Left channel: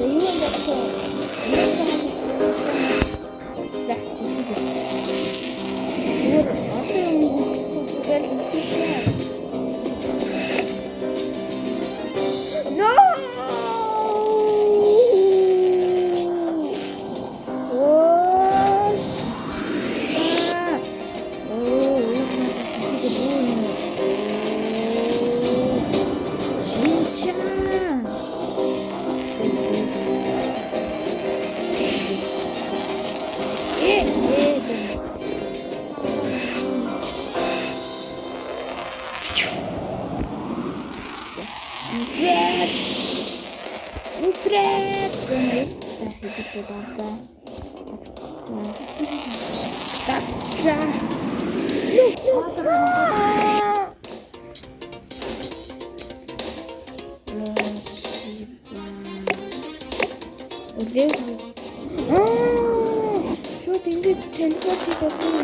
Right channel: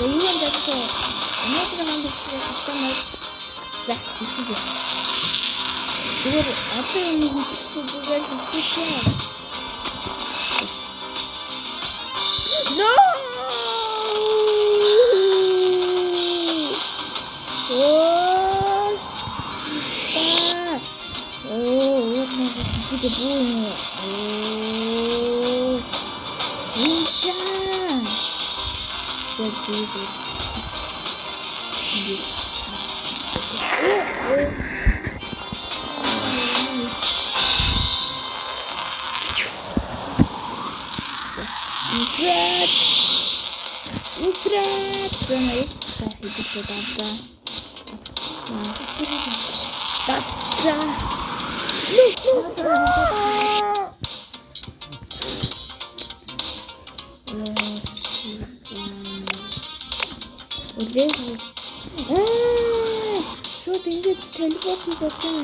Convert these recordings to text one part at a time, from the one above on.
자, 이건 여기서 얼마나 하고 있어요? 자, 보시죠. 이거를 어떤 도구가 있을지. No! 오, 씨발. 오, 이게 뭐예요? 오, 진짜. Усред! Журналистка, иди туда. Давча! Что ты иди телепорт закрыл?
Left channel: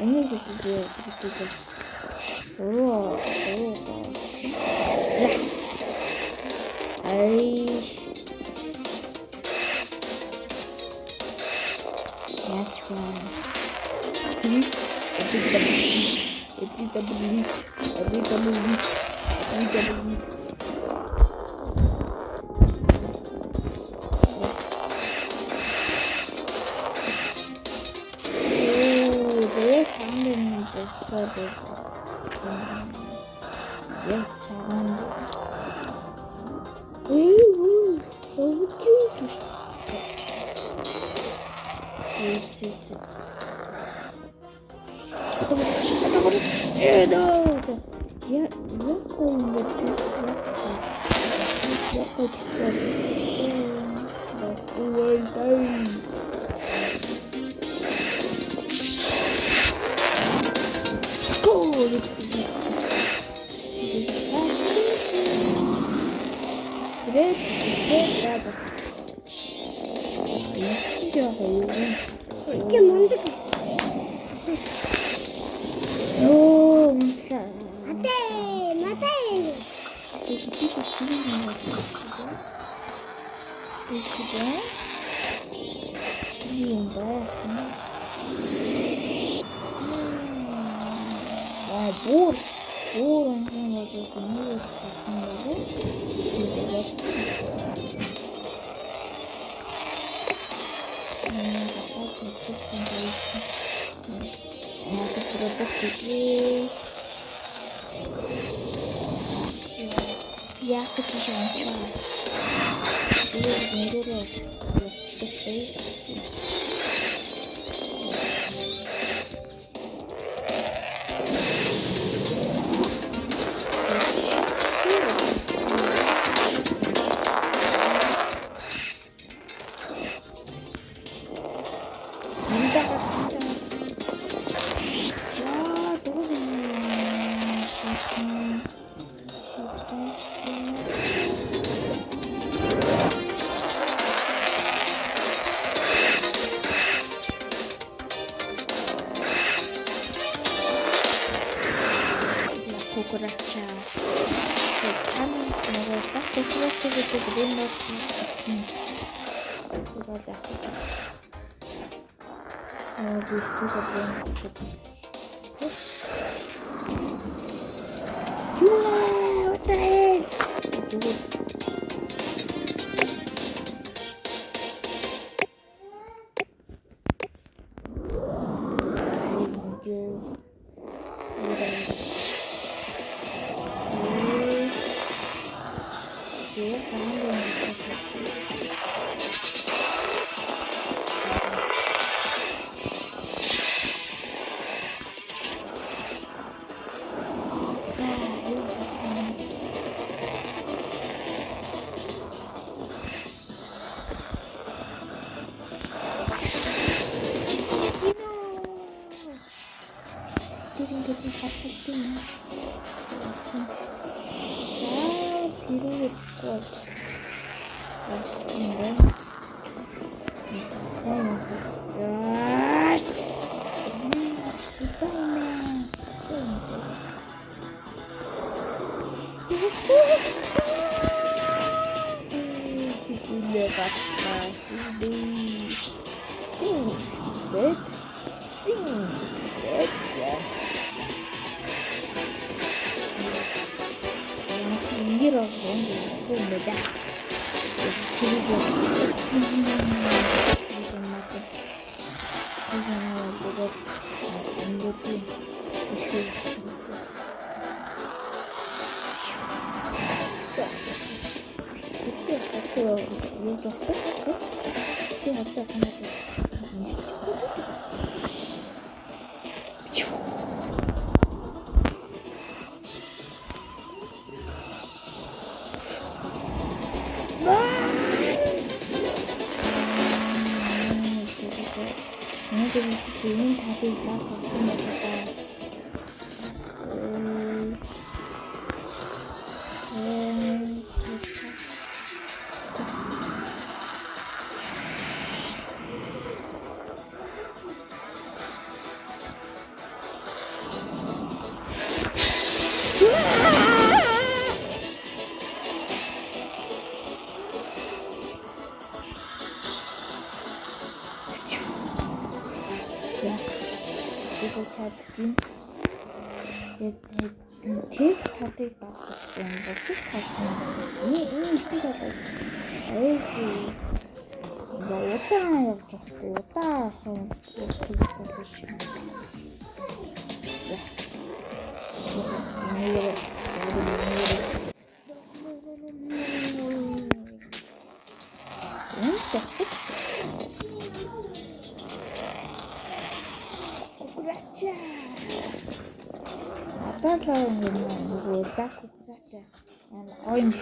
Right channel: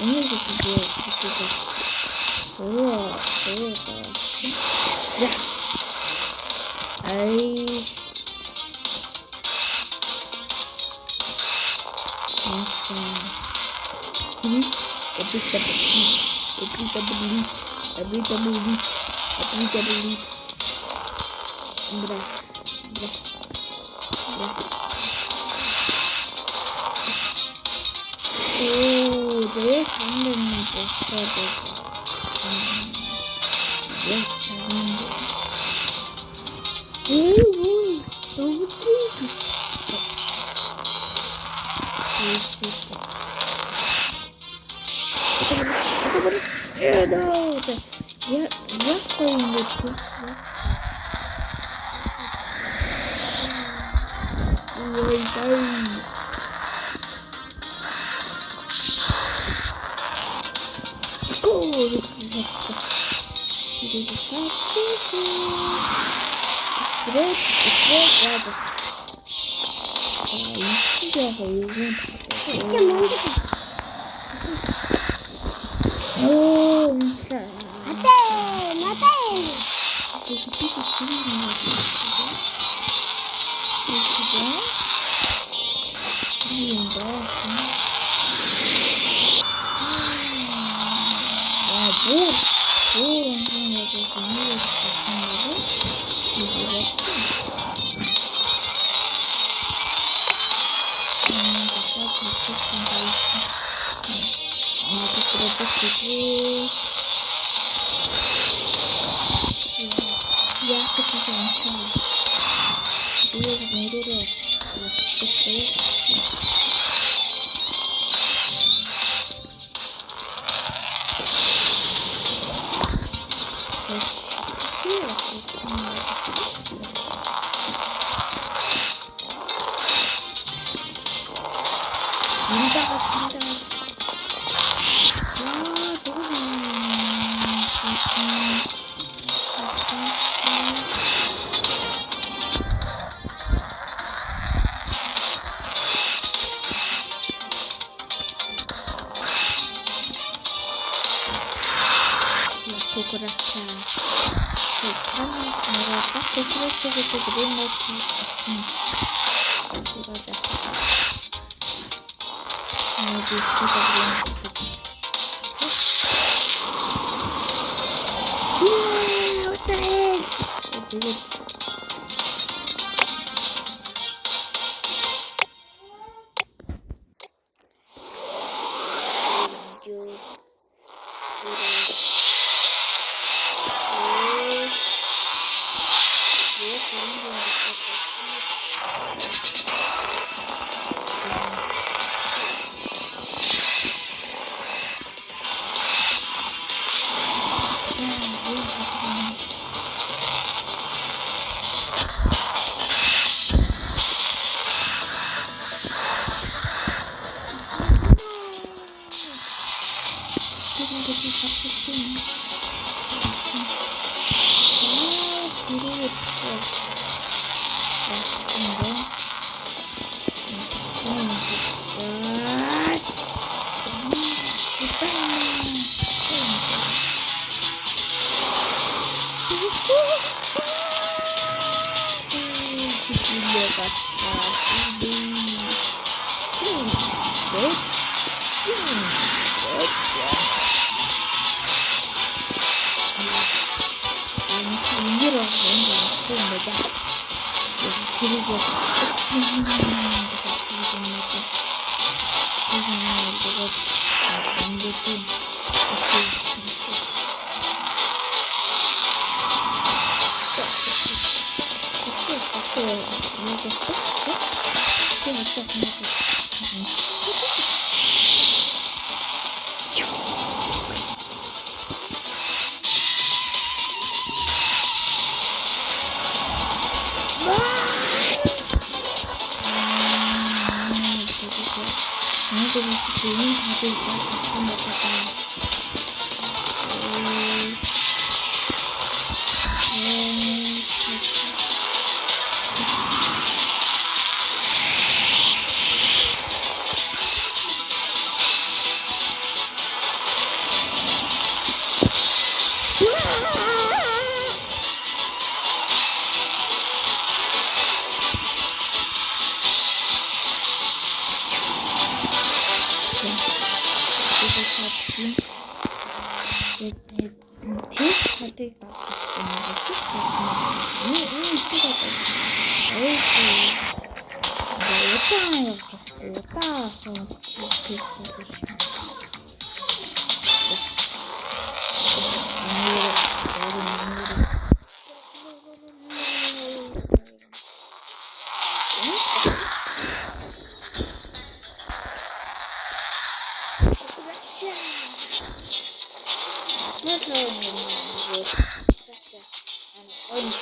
Они здесь о, да. Ай. 장면이 못하고 왜 잘한다. 너무 귀여워. Я хочу сначала. Кукурача. Там 내가 딱 그렇게 그린 것 같은. 이거 다. 여기 있어서 그런 것 같아. 어떡해. 누구? Хилээ гарчлаа. Син. Red. Мир огонь помада. Я перейду. Надо выпустить такой пак, как мы такая. Тест талыг давж чадахгүй юм байна. Сүт тална. Ийм байдаг. Удаан явж байгаа. Удаан тест болж байна. That's how you know and orange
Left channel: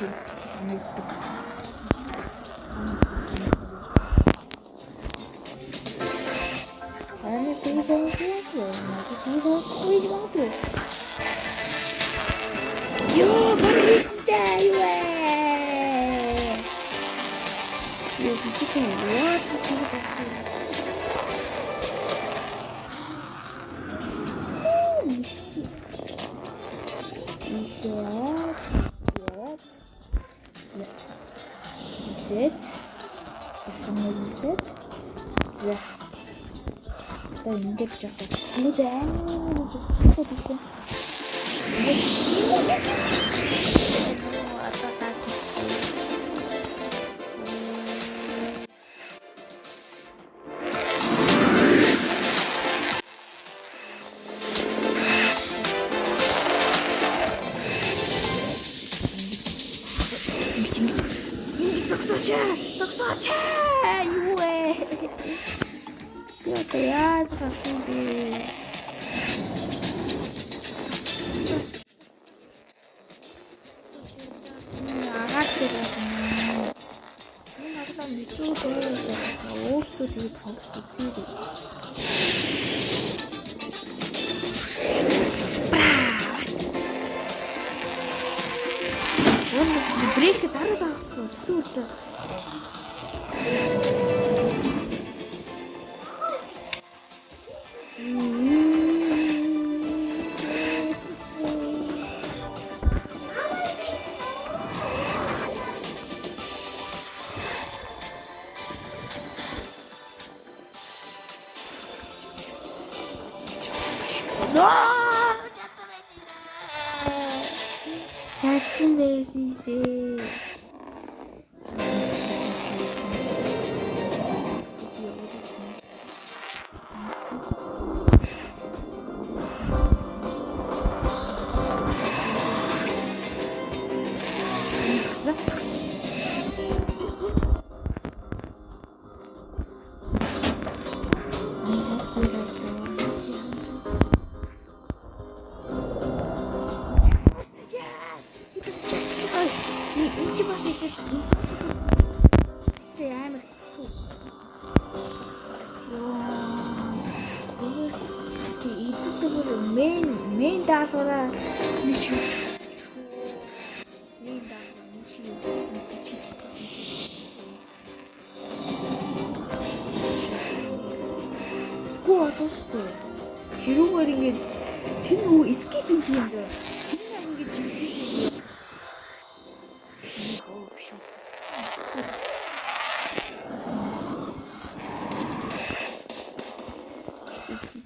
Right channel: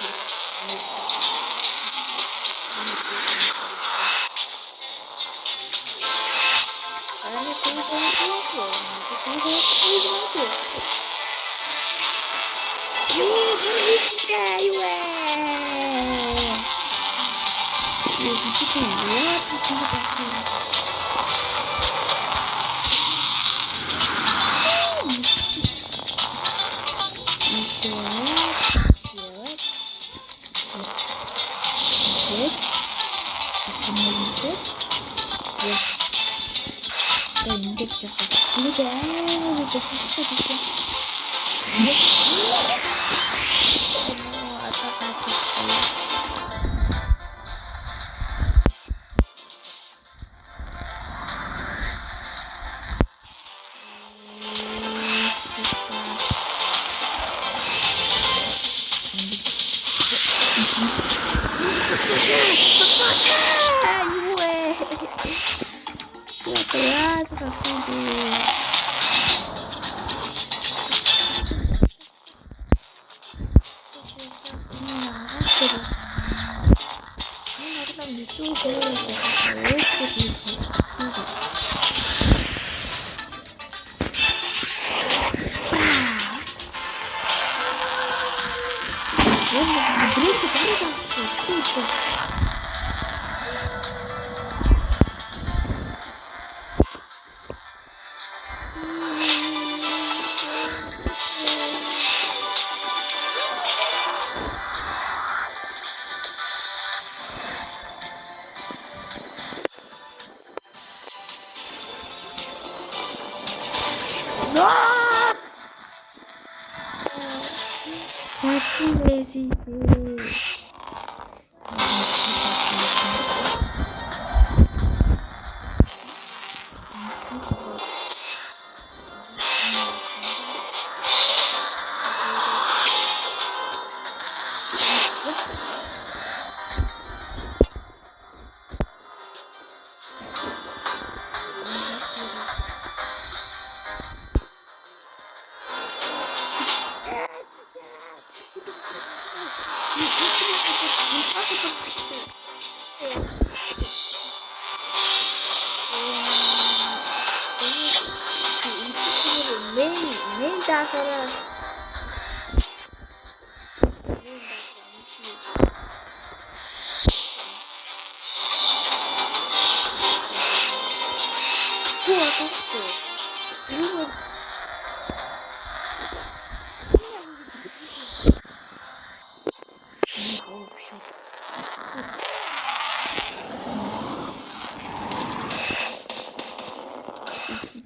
биш үү.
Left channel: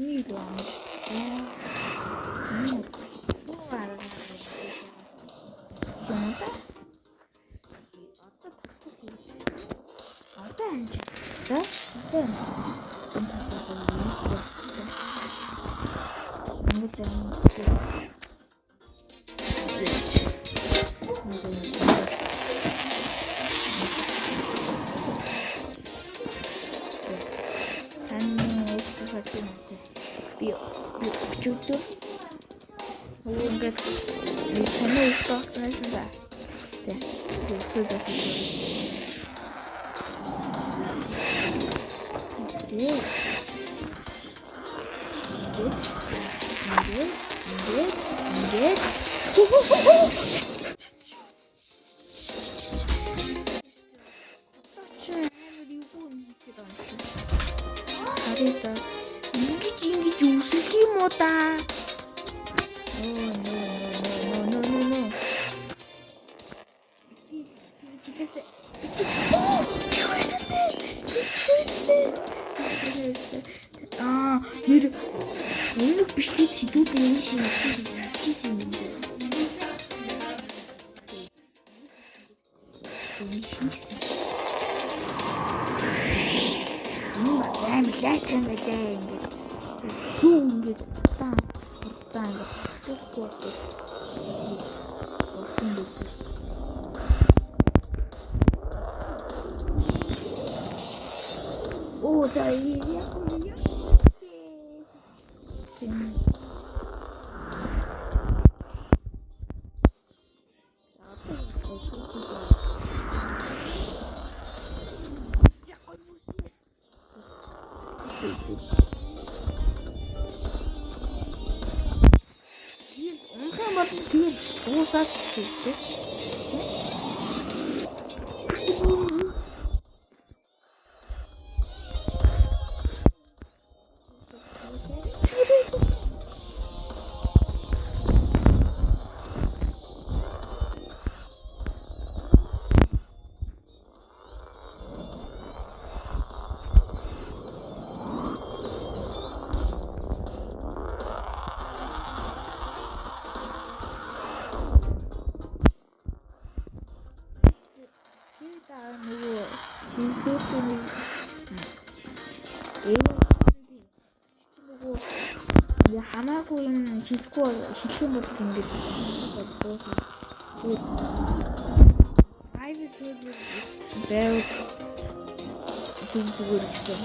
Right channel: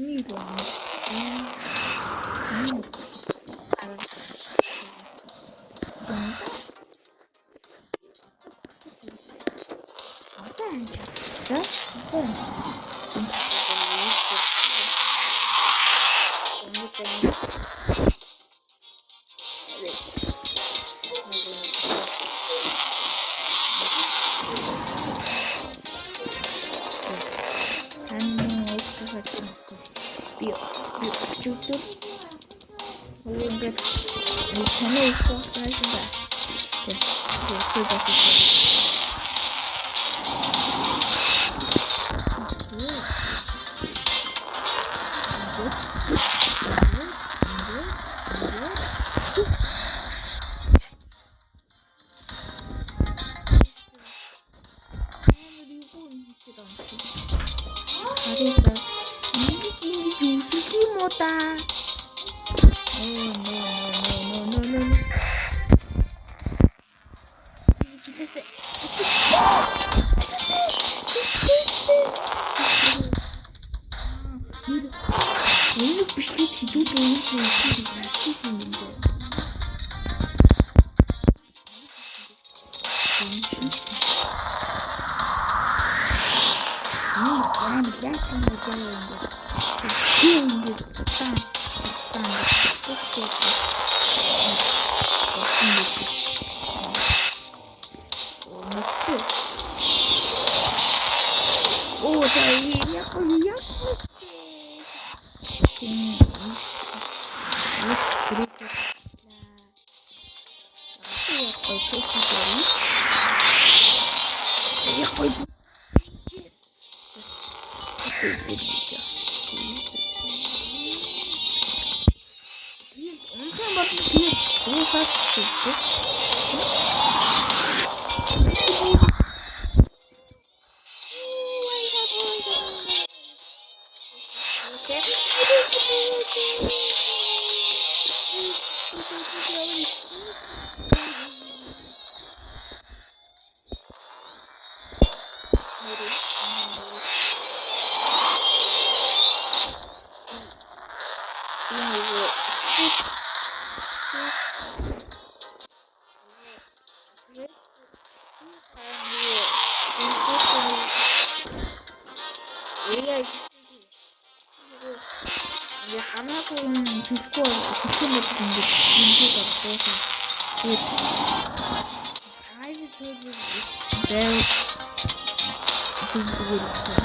Ini doang. Ini apa aja? Cukup. Enggak di sana itu sudah. Sudah. Harita ini juicy mota. Oh no. 오늘 비슷해 뒤도 되시 있는데. 맞아, 오, 자, 이 약간 엄청 많은 뒤에 오사 칠게. 이제 하나고는 디스코어가 디스코어 같은 게 인기가 없어서 라이브 서브 매우 보고 있어요.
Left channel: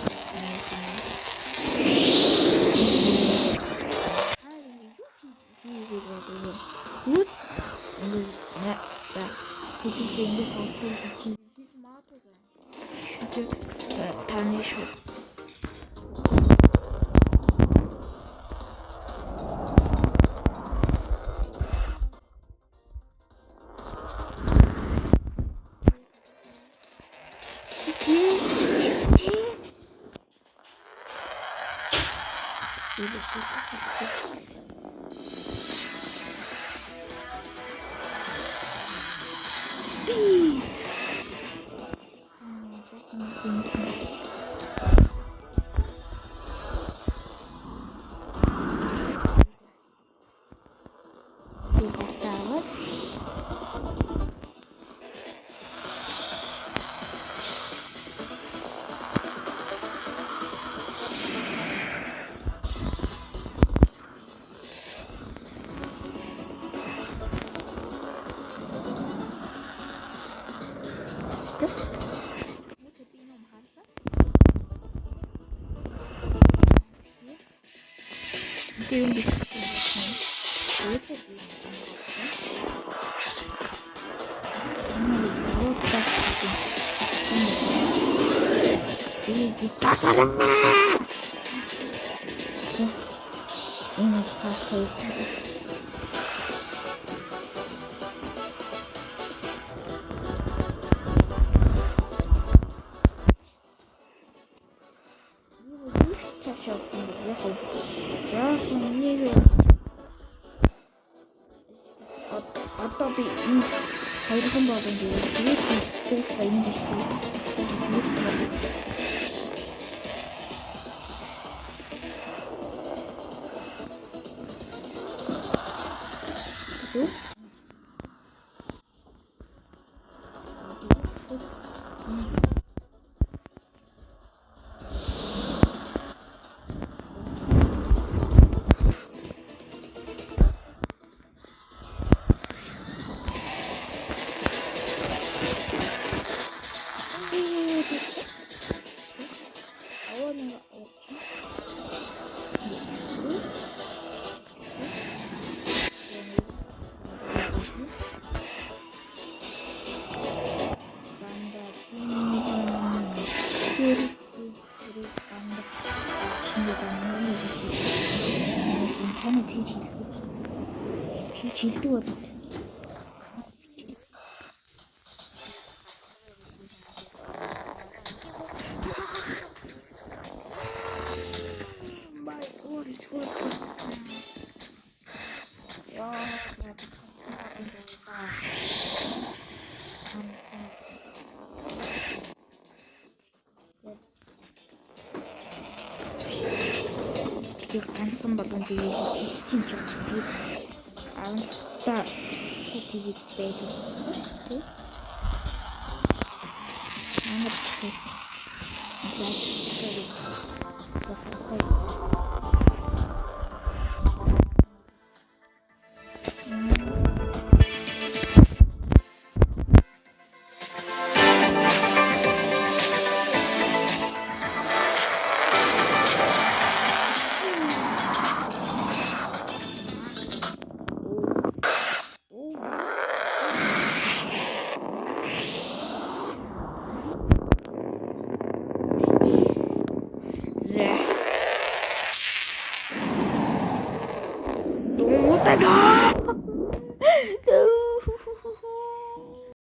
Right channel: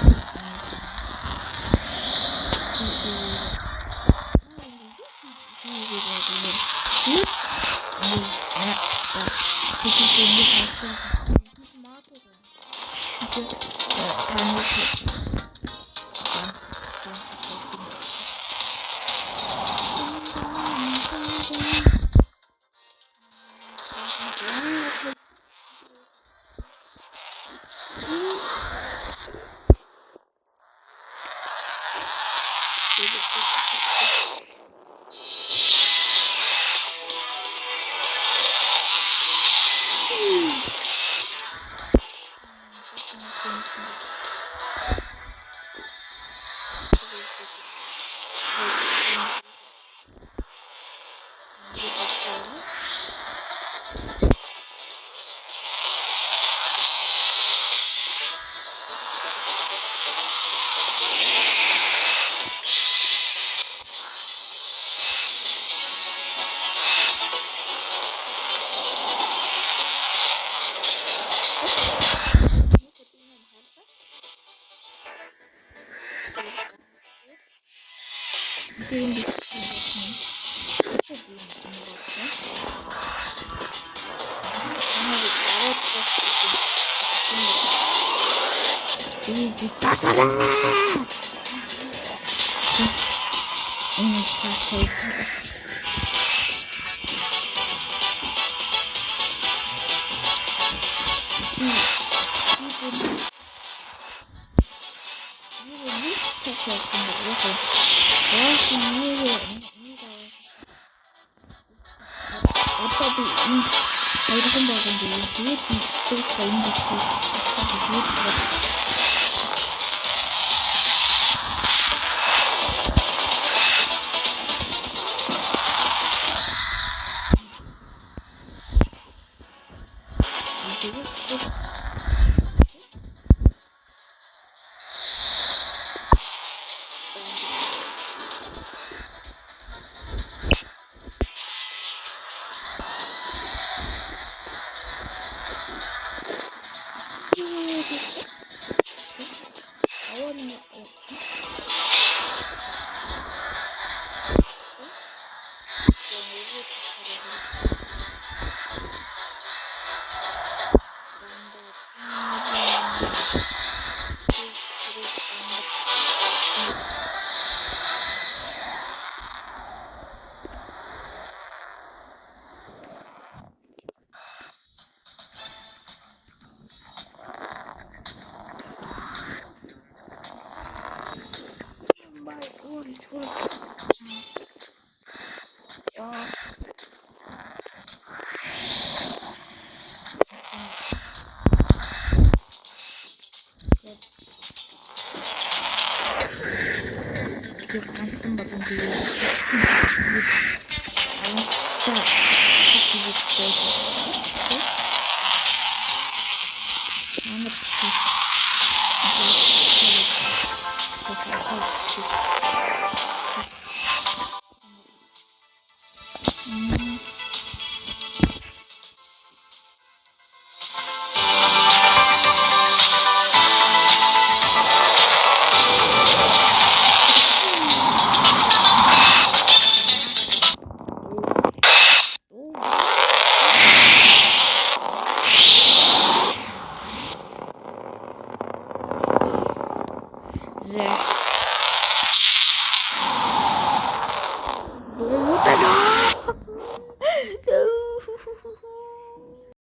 다 잘했네. 오늘 다 데이트했어. 어차피 Хоёрхан болон тэгээд дуусах энэ бэлтгийг гэсэн тэгээд байна. Хилдэг бол my god is full яа яг ганцхан болон тэгээд та хийгээд байдаг. Don't